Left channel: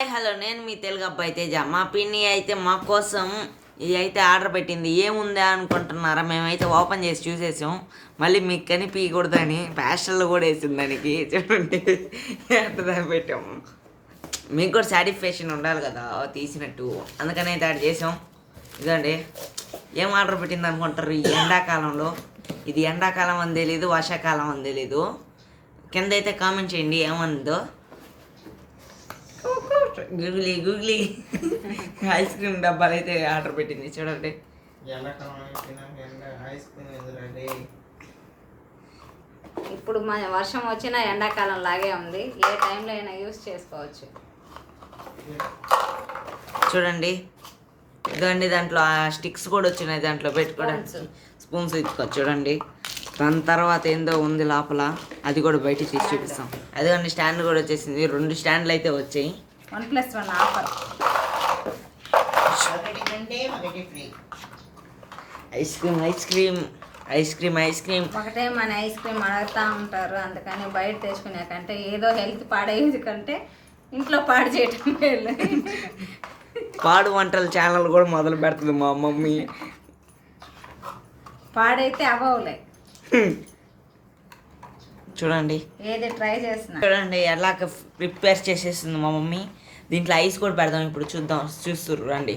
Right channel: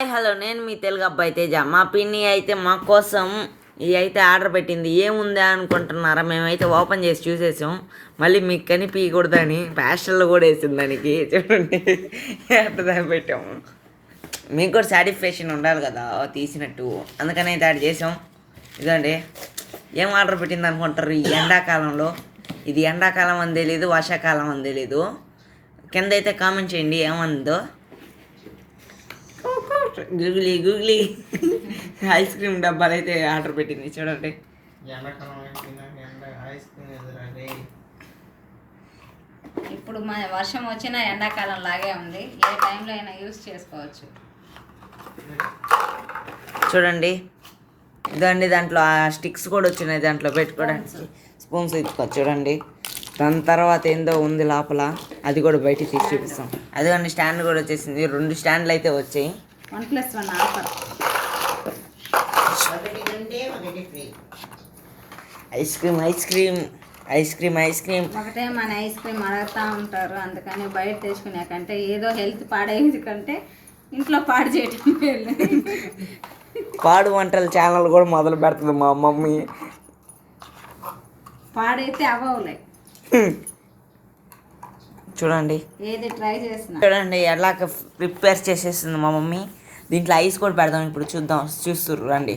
Hello, నేను మీ తెలుగు అబ్బాయి తేజ. మా పిన్ని అయితే మా కోసం ఇది అయితే ఆర్డర్ పెట్టింది. ఏముందా అనుకుంటున్నారా? మేమైతే ఓపెన్ చేసి చూసేసాం. మళ్ళీ మీకు కనిపించకూడదని ప్యాస్టర్లు కూడా వేసింది దానికి. చూడండి ఎంత పెట్టాము. మీకు కూడా సాటిస్ఫాక్షన్ ఉండాలి కదా తీసినట్టు, అందుకని అయితే యాడ్ చేసాం. ఇదండి ఏం ఆర్డర్ పెట్టింది అనుకుంటారు? ఈ ఎండాకాలంలో ఇది ఎండాకాలం అని తెలీదు, వర్షాకాలం అని తెలీదు. కింద అయితే కామెంట్ చేయండి ఏమందో. గూగ్లీ ఐస్ క్రీమ్ డబ్బాలు అయితే ఆర్డర్ పెట్టింది. చూడండి ఇప్పుడు మన వర్షం వచ్చినా ఎండాకాలం లాగే ఉంది. ఏ టైంలో అయినా యూస్ చేసుకోవచ్చు. చూడండి ఇదండి, దాంట్లో ఆ స్టిక్స్ కూడా వచ్చినాయి, దాంట్లో పెట్టుకోవడానికి స్పూన్స్ ఇచ్చుకోవచ్చు. చూడండి దాని తర్వాత ఏందో ఉంది లోపల, అది కూడా బయటికి తీసి చూపిస్తాం. అదిగోండి స్టాండ్ కూడా వచ్చేసింది. 2 స్టాండ్లు అయితే వచ్చాయి. 1+1 ఆఫర్. ఐస్ క్రీమ్ ఒకటే మన ఐస్ క్రీమ్ అడుగుతూ ఉంటారు. అందుకని బయట తెచ్చుకునే కంటే ఏదో హెల్త్ పాడేది కంటే ఇంట్లో పాడు చేయటం మేలు. పాడు వంటల ఛానల్ కూడా మొదలు పెడుతుంది మా మమ్మీ. పాడైతే అవ్వలే. చూడండి ఏది ట్రై చేస్తున్నా చూడండి ఎలా ప్రిపేర్ చేసేస్తుంది మా మమ్మీ. దీంట్లో ఐస్ కూడా పెడదాం ఇప్పుడు, చూస్తుర్రు రండి.